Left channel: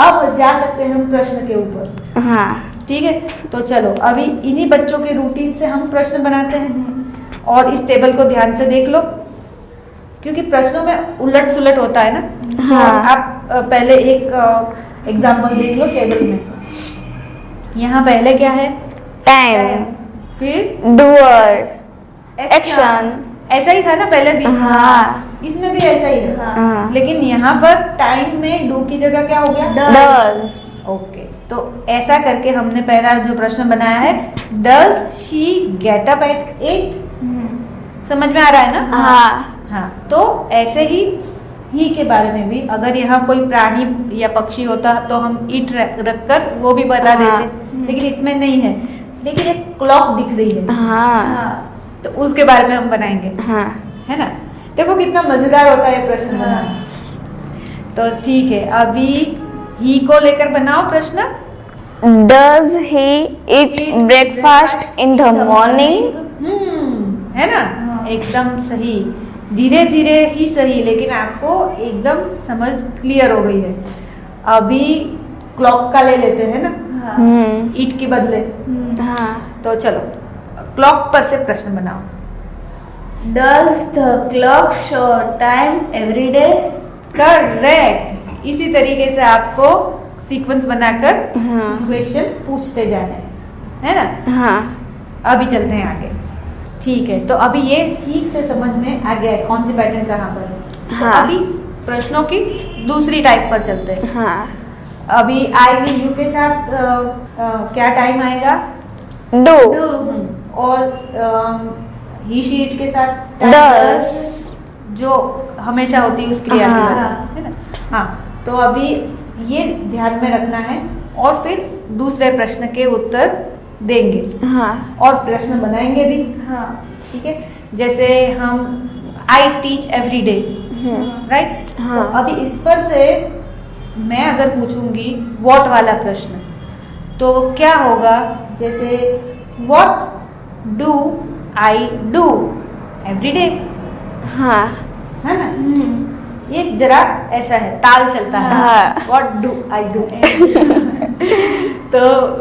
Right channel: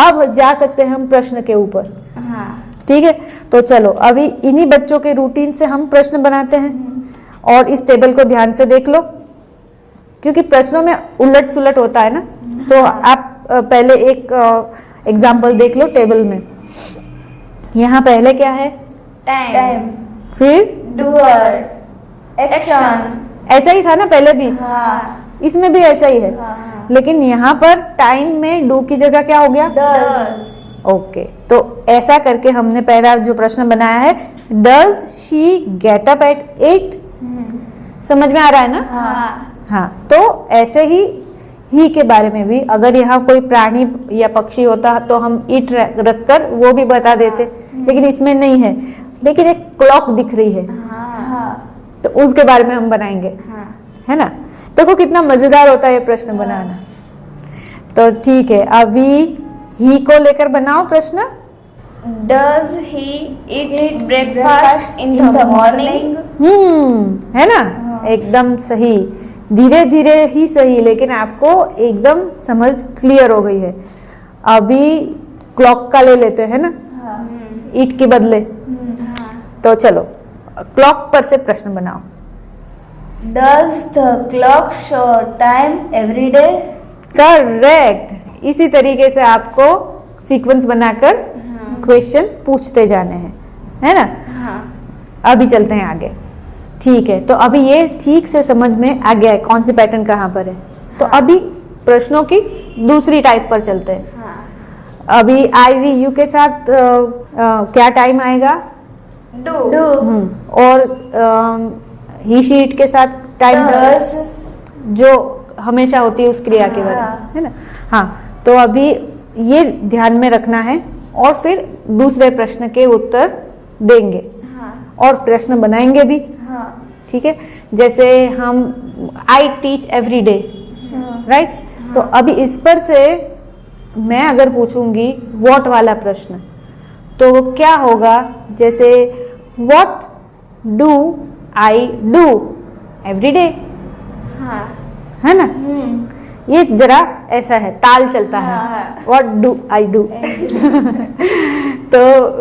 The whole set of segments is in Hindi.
अब जा सकते हैं हम प्रश्न के ऊपर। हाँ ठीक है, तो चलो अभी इन्हीं बच्चों के रूटीन से हम प्रश्न बनाते हैं और इस टेबल को ध्यान से देख लो, क्योंकि प्रश्नों में उलट सुलट होता है ना। तो हाँ। आप पहले एक एग्जाम्पल देख लो टेबल में। यहाँ पहले क्या है? टाइम, फिर डूअर, एक्शन। ऐसा ही था ना पहले भी? हाँ। इसमें भी ऐसा ही है। हाँ। लेकिन यहाँ पर टाइम में डू की जगह क्या हो गया? डज। ओके, तो ऐसा करके हमने पहला जो प्रश्न बनाया है, does she get up at 8? समझ में आ रहा है ना? हाँ। हाँ, तो ऐसे ही के बारे में भी अगर यहाँ कोई प्राणी या पक्षी होता तो हम इट रखकर वो भी बता देते, लेकिन इसमें नहीं है। लेकिन एक क्लॉक दिख रही है, हाँ। तो उसके बारे में हम बनाएंगे, हाँ। है ना? देखो कितना मजेदार होता है ये प्रश्न बनाना। तो ठीक है, अभी ही को लेकर बनाओ प्रश्न। Does he eat breakfast in the morning? है ना? एकदम सही, धीरे धीरे ही सही, लेकिन आपको एकदम समझ क्लियर हो गई है। अभी क्लॉक का ले लेते हैं ना, ईट के बदले। हाँ। तो चलो क्लॉक पर से प्रश्न बनाओ। Does the clock show time every day? Correct, इसी तरीके से आपको सीक्वेंस बनाकर हाँ। क्वेश्चन पूछते जाने हैं, है ना? हाँ। अभी चलते हैं आगे। ठीक है, तो अभी ये ठीक से समझ में आ गया है कौन से पैटर्न कहाँ पर है। तो हाँ। अभी प्रश्नों की दूसरी टाइप पर चलते हैं। हाँ। अभी आई वी यू के साथ क्या टाइम आएगा? Do. और ही शी इट के साथ टाइम Does. जो हमेशा होती है उस क्रिया के हाँ। बाद, है ना? हाँ, तो अभी ये ध्यान में रखना है और फिर दूसरे प्रश्न के उत्तर देंगे हाँ। और प्रश्न बनाएंगे भी। हाँ। ठीक है, जैसे हम I teach every day, right? तो अभी इस पर से मैं अगर पूछूंगी व्हाट वाला प्रश्न, तो क्या होगा? जैसे what do I do every day, हाँ। है ना? ये जरा ऐसा है, ताल चलता है। हाँ। व्हाट डू आई डू तो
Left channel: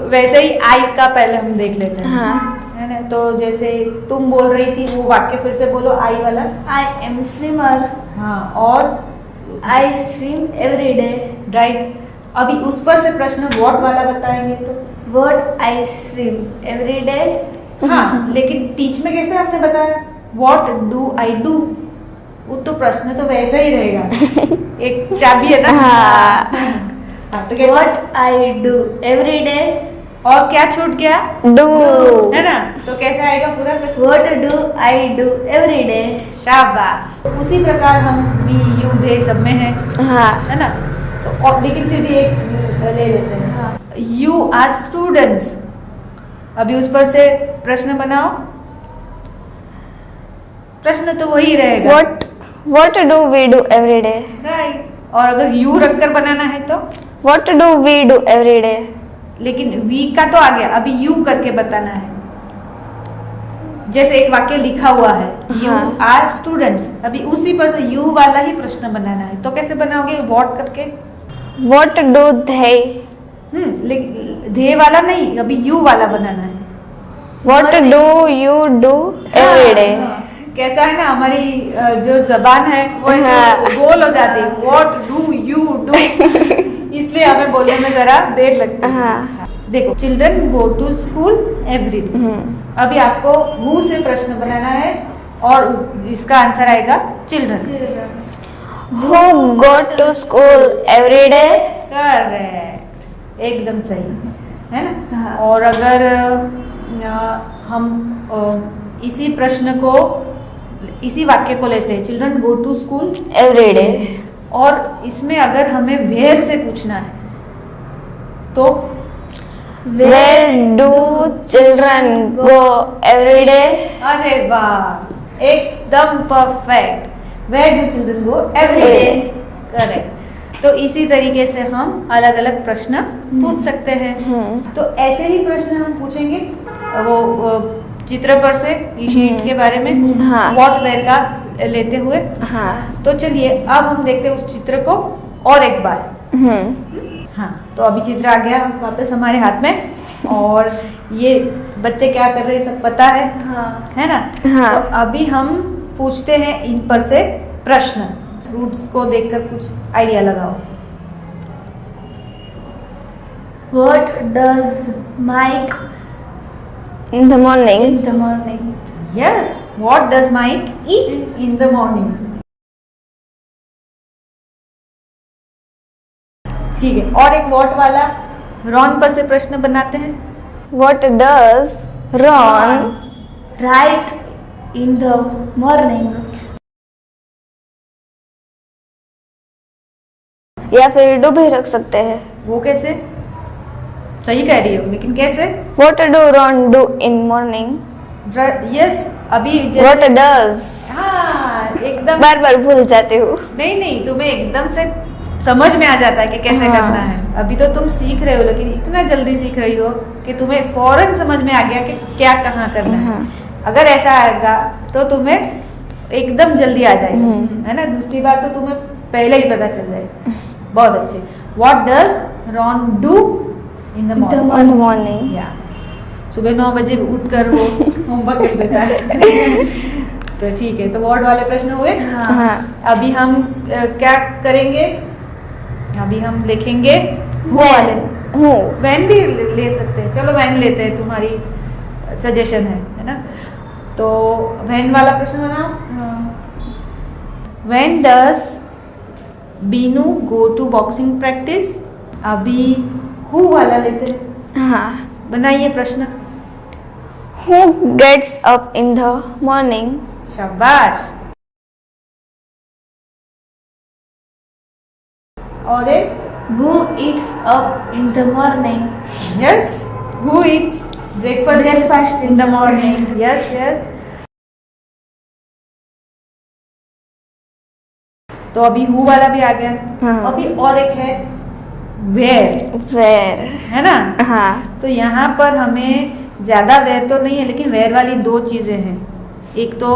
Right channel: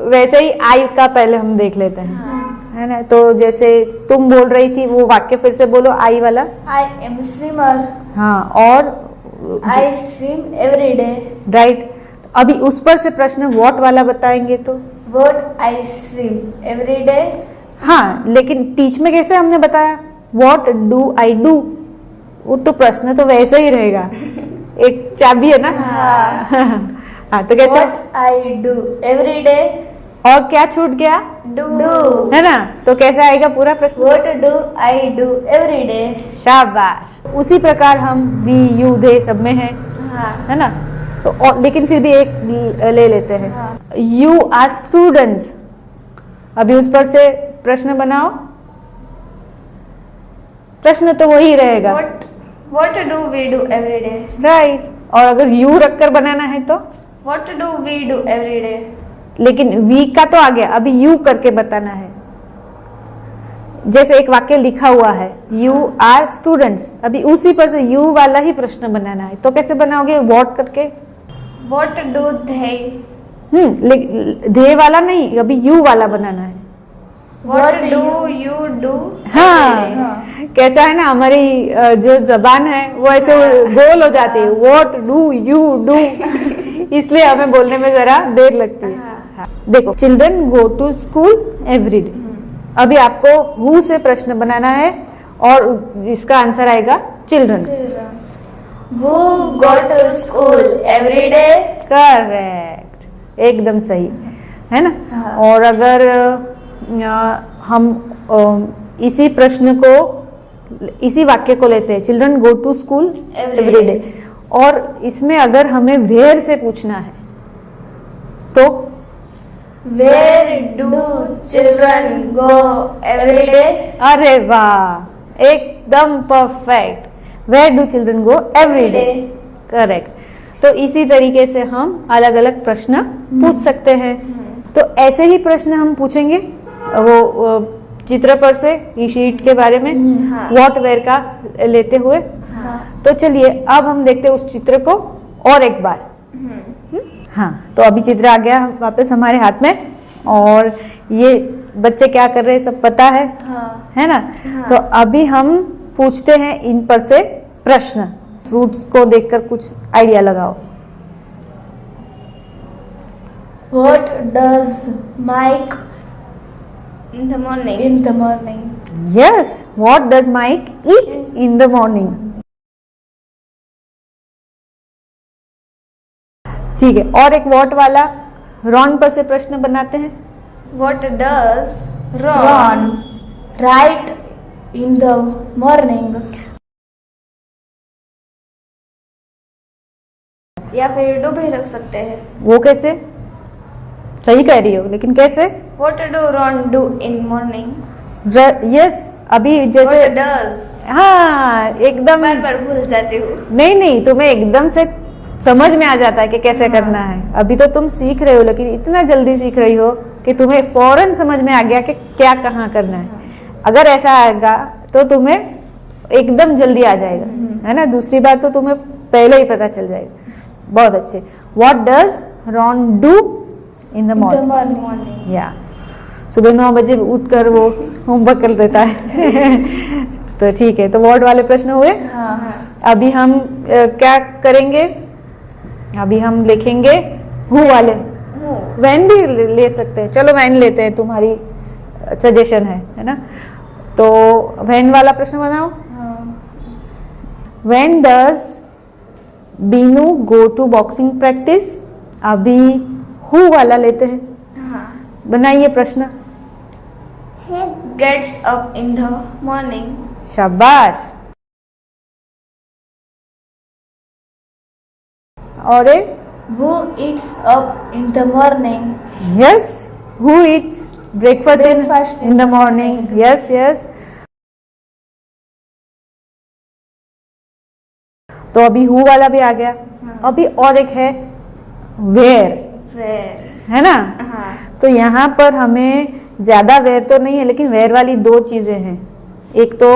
वैसे ही आई का पहले हम देख लेते हैं, हाँ। है ना? तो जैसे तुम बोल रही थी वो वाक्य फिर से बोलो, आई वाला। I am swimmer. हाँ, और I swim every day. Right. अभी उस पर से प्रश्न व्हाट वाला बताएंगे तो What I swim every day. हाँ, लेकिन टीच में कैसे हमने बताया व्हाट डू आई डू, वो तो प्रश्न तो वैसे ही रहेगा, एक चाबी है ना। हाँ, तो कैसे? What I do every day. और क्या छूट गया? Do. है ना? तो कैसे आएगा पूरा प्रश्न? What do I do every day. शाबाश। उसी प्रकार हम वी यू दे सब में है, हाँ। है ना? तो और लेकिन फिर भी एक ले लेते हैं। यू आर स्टूडेंट्स, अभी उस पर से प्रश्न बनाओ। प्रश्न तो वही रहेगा, What do we do every day? Right. और अगर यू रखकर बनाना है तो, What do we do every day? लेकिन वी का तो आ गया, अभी यू करके बताना है। जैसे एक वाक्य लिखा हुआ है, यू आर स्टूडेंट्स, अभी उसी पर से यू वाला ही प्रश्न बनाना है। तो कैसे बनाओगे? व्हाट करके। What do they? लेकिन दे वाला नहीं, अभी यू वाला बनाना है। What do you do every day? कैसा है ना, हमारी जो जबान है वो ऐसे गोल हो जाती है, व्हाट डू यू डू, इसलिए हमें बोलने में जरा देर लगती है। हाँ। देखो, children go to school every day. अभी आपको हु से प्रश्न बनाना है और इसका आंसर आएगा children. Who go to school every day? Correct, एकदम सही, है ना? और अगर हम इसी प्रश्न को, इसी वाक्य को लेते हैं, children go to school Every day. और इसमें अगर हमें वेयर से पूछना है तो Where do children go every day? अरे वाह, एकदम perfect. Where do children go every day, correct. तो इसी तरीके से हम अलग अलग प्रश्न पूछ सकते हैं। तो ऐसे ही प्रश्न हम पूछेंगे वो चित्र पर से, शीट के बारे में, हाँ। व्हाट वेयर का लेते हुए। हाँ। तो चलिए अब हम देखते हैं उस चित्र को और एक बार। हाँ, तो अभी चित्र आ गया वापस हमारे हाथ में, और ये बच्चे क्या कर रहे हैं सब पता है, हाँ. है ना? हाँ. तो अभी हम पूछते हैं इन पर से प्रश्न। फ्रूट्स को देखकर कुछ आइडिया लगाओ। What does Mike In the morning. in the morning? Yes, what does Mike eat in the morning? ठीक है, और एक व्हाट वाला रॉन पर से प्रश्न बनाते हैं। What does Ron Right in the morning. या फिर डू भी रख सकते हैं। वो कैसे? सही कह रही हो, लेकिन कैसे? What do Ron do in morning? Yes, अभी What जैसे does? हाँ, एकदम बार बार भूल जाती हूँ। नहीं, तुम्हें एकदम से समझ में आ जाता है कि कैसे हाँ। करना है। अभी तो तुम सीख रहे हो, लेकिन इतना जल्दी सीख रही हो कि तुम्हें फौरन समझ में आ गया कि क्या कहाँ करना है। हाँ। अगर ऐसा आएगा तो तुम्हें एकदम जल्दी आ जाएगा, है ना? दूसरी बार तो तुम्हें पहले ही पता चल जाएगा। बहुत अच्छे। What does Ron do in the morning? In the morning. या सुबह 9 बजे उठकर वो होमवर्क कर देता है। तो ठीक है, तो वर्ड वाले प्रश्न हुए। हाँ। अभी हम क्या करेंगे? अभी हम लिखेंगे हु वाले। Who? वैन भी ले सकते हैं, चलो वैन लेते हैं, तुम्हारी सजेशन है ना? तो वैन वाला प्रश्न बनाओ। When does Binu go to boxing practice? अभी हु वाला लेते हैं, हाँ। बनाइए प्रश्न। Who gets up in the morning? शाबाश। और एक Who eats up in the morning? Yes, who Yeats breakfast Breakfast in the morning? Yes yes. तो अभी हु वाला भी आ गया। हाँ। अभी और एक है वेयर, Where? है ना? हाँ। तो यहाँ पर हमें ज्यादा वेयर तो नहीं है, लेकिन वेयर वाली दो चीजें हैं। एक तो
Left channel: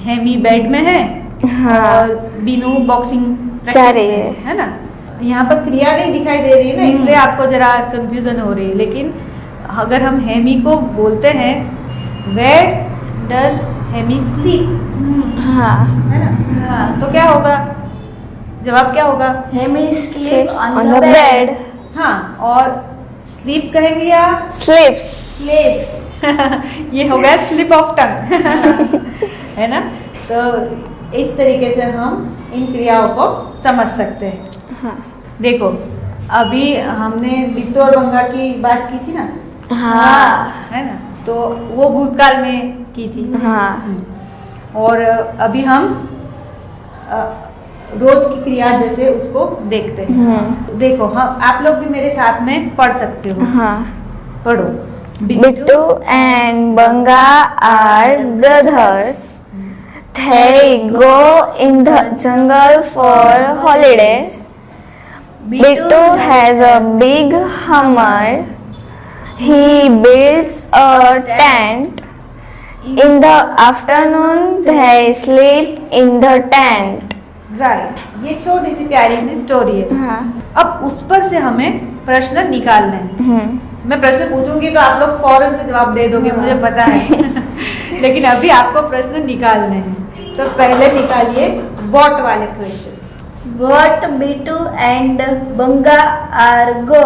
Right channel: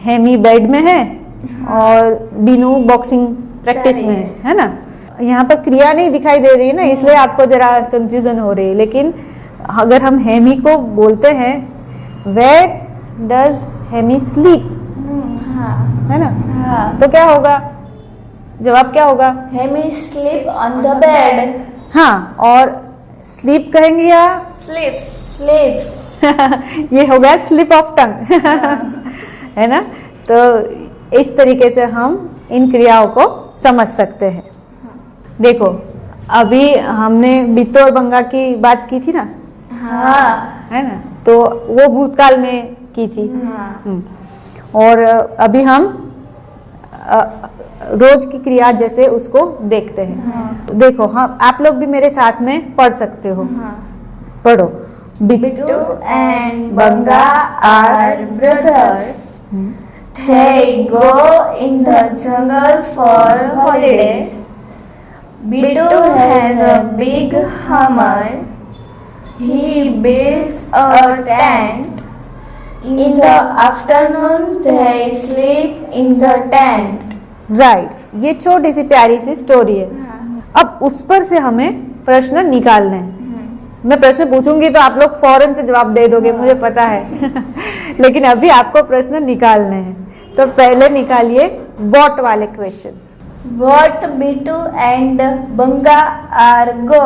हेमी बेड में है, हाँ। और बीनू बॉक्सिंग जा प्रैक्टिस रही में है। है ना? यहाँ पर क्रिया नहीं दिखाई दे रही है ना, इसलिए आपको जरा कंफ्यूजन हो रही है। लेकिन अगर हम हेमी को बोलते हैं वेयर डज हेमी स्लीप, हाँ। है ना? हाँ. तो क्या होगा? जवाब क्या होगा? Hemi sleep on On the the bed. bed. हाँ, और स्लीप कहेंगे या Sleeps. Sleeps. ये हो गया स्लिप ऑफ टंग, है ना? तो इस तरीके से हम इन क्रियाओं को समझ सकते हैं। हाँ। देखो, अभी हमने बिट्टू और बंगा की बात की थी ना, हाँ। है ना? तो वो भूतकाल में की थी। हाँ। और अभी हम रोज की क्रिया जैसे उसको देखते हैं। तो देखो, हम आप लोग भी मेरे साथ में पढ़ सकते हो। हाँ। पढ़ो। Bittu and Banga are brothers. They go in the jungle for holidays. Bittu has a big hammer. He builds a tent. In the afternoon, they sleep in the tent. Right, ये छोटी सी प्यारी सी स्टोरी है। हाँ। अब उस पर से हमें प्रश्न निकालने हैं। मैं प्रश्न पूछूंगी तो आप लोग फौरन से जवाब दे दोगे, मुझे पता है। लेकिन अभी आपको प्रश्न निकालने हैं। तो पहले निकालिए व्हाट वाले questions. What Bittu and Banga are go?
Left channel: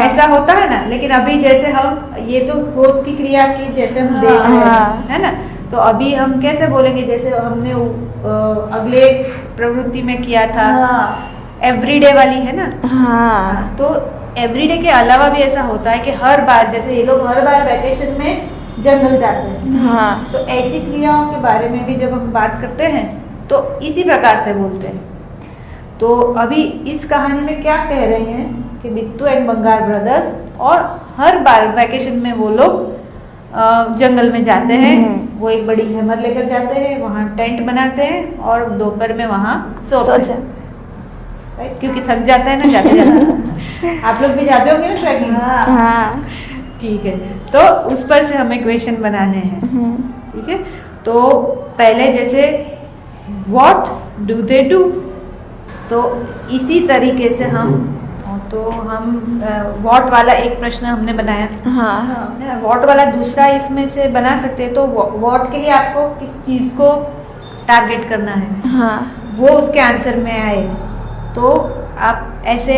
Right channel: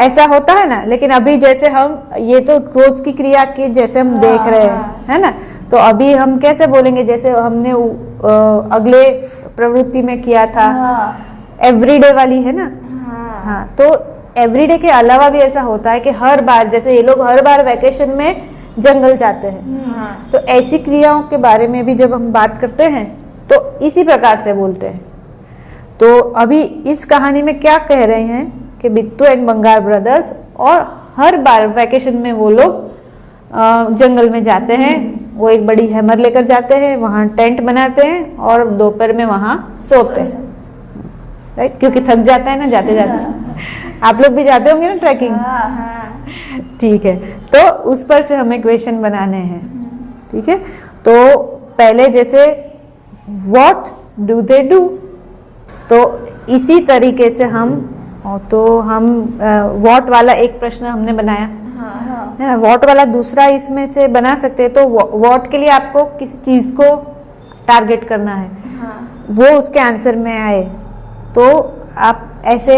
ऐसा होता है ना, लेकिन अभी जैसे हम ये तो रोज की क्रिया के जैसे हम देख रहे हैं, है ना? तो अभी हम कैसे बोलेंगे, जैसे हमने अगले प्रवृत्ति में किया था, एवरीडे वाली, है ना? हाँ। तो एवरीडे के अलावा भी ऐसा होता है कि हर बार, जैसे ये लोग हर बार वैकेशन में जंगल जाते हैं, हाँ। तो ऐसी क्रियाओं के बारे में भी जब हम बात करते हैं तो इसी प्रकार से बोलते हैं। तो अभी इस कहानी में क्या कह रहे हैं कि बिट्टू एंड बंगार ब्रदर्स, और हर बार वैकेशन में वो लोग जंगल में जाते हैं। वो एक बड़ी हैमर लेकर जाते हैं, वहाँ टेंट बनाते हैं और दोपहर में वहाँ सोते हैं, राइट? क्योंकि थक जाते हैं ना जाते जाते। आप लोग भी जाते होंगे ना ट्रैकिंग? हाँ। ठीक है, तो उस पर से हमें क्वेश्चन बनाने हैं। ठीक है, तो पहले जैसे व्हाट डू दे डू? तो इसी तरीके से हम व्हाट वाला एक प्रश्न हमने बनाया हाँ है ना, व्हाट वाला दूसरा इसमें से बना सकते हैं। तो व्हाट के लिए आपको किस चीज़ को टारगेट करना है, हाँ वो उसके आंसर में आए, तो आप ऐसे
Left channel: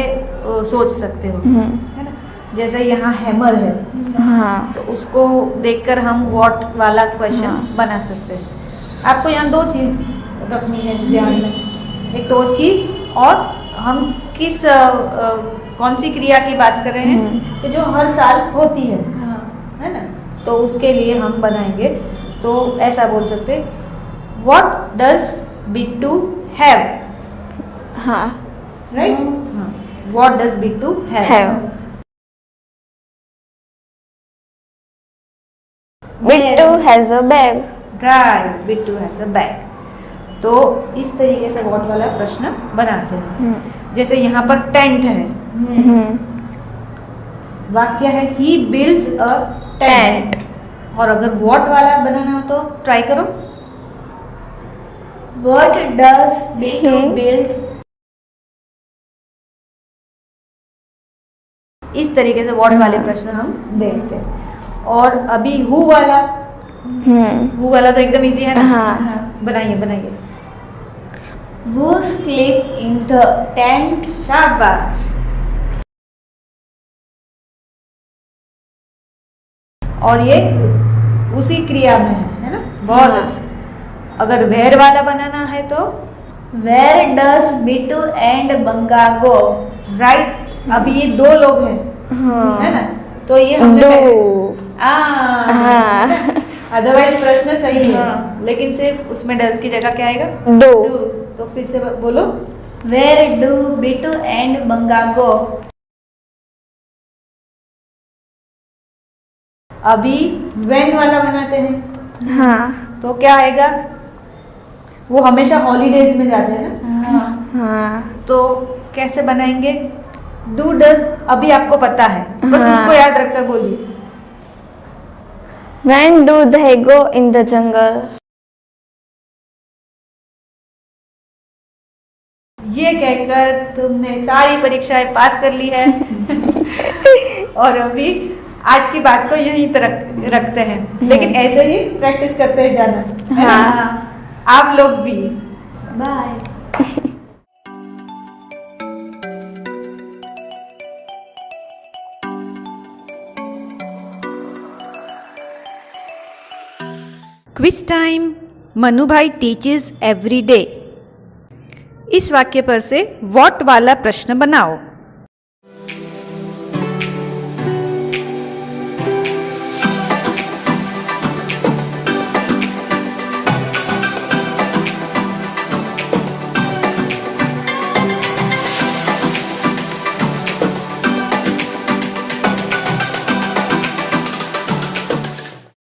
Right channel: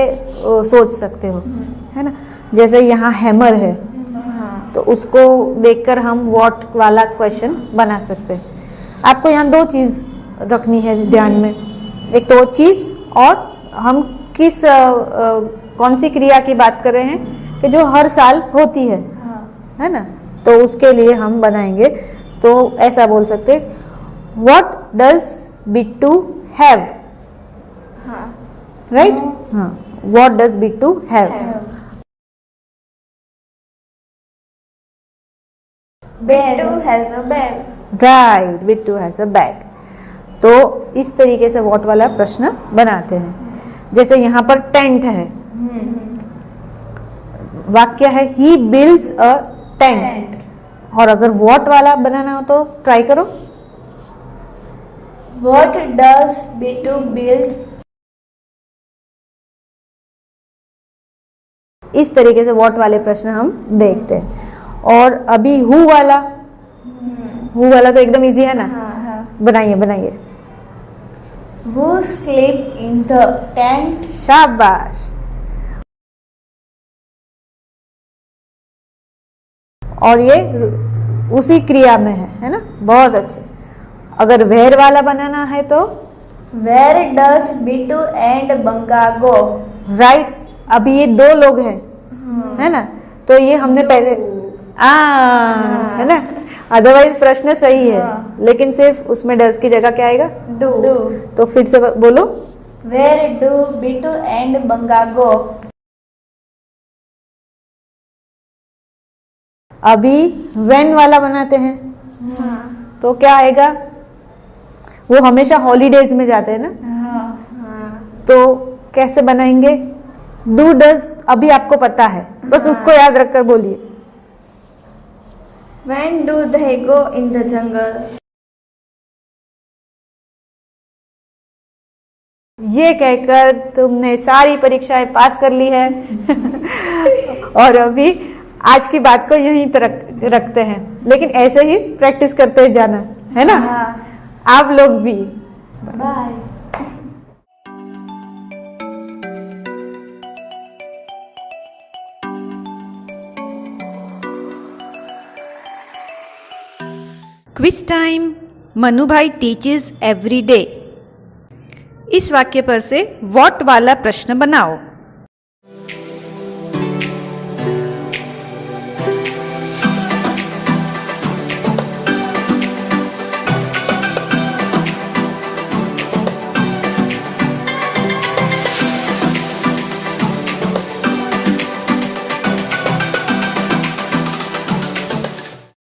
सोच सकते हो, है ना। जैसे यहाँ हैमर है, हाँ तो उसको देखकर हम व्हाट वाला क्वेश्चन बना सकते हैं। आपको यहाँ दो चीज़ रखनी है ध्यान में, एक तो वो चीज़ और हम किस कौन सी क्रिया की बात कर रहे हैं कि जो हर साल होती है ना। तो उसके लिए हम बनाएंगे, तो ऐसा बोल सकते व्हाट डज बिट्टू हैव, हाँ राइट। हाँ, what does Bittu have. Bittu has a bag. Right, Bittu has a bag. तो इस तरीके से व्हाट वाला प्रश्न बनाते हैं। जैसे यहाँ पर टेंट है, वाक्य है ही बिल्ड्स अ टेंट, और अगर व्हाट वाला बनाना हो तो ट्राई करो। What does Bittu build? इस तरीके से व्हाट वाले प्रश्न हम देखते हैं। और अभी हु वाला तो एकदम इजी है ना। हाँ बनाइए बनाइए। Who sleep in the tent? शाबाश। और ये उसी क्रिया में है ना, बहुत अच्छा। अगर वेयर वाला बनाना है तो Where does Bittu and Banga go? Right, अभी ये दो लोग हैं, है ना, तो ये हमने पहले है ना। अदरवाइज प्रश्न सही है, लेकिन सिर्फ उसमें डज की जगह क्या आएगा, डू। तो फिर से बोलो। Where do Bittu and Banga go? अभी व्हेन वाला बनाते हैं, हाँ तो क्या आएगा, वो हमेशा हॉलीडेज में जाते हैं ना। हाँ तो कैसे बनाएंगे, डू डज अभी आपको पता है, बस उसको याद रखकर बोलिए। When do they go in the jungle? ये कहकर तुमने सारी परीक्षाएं पास कर ली है। और अभी आज की बात को यहीं तक रखते हैं, लेकिन ऐसे ही प्रैक्टिस करते जाना, है ना। आप लोग भी। Bye. Quiz time. मनु भाई टीचेस एवरी डे। इस वाक्य पर से व्हाट वाला प्रश्न बनाओ।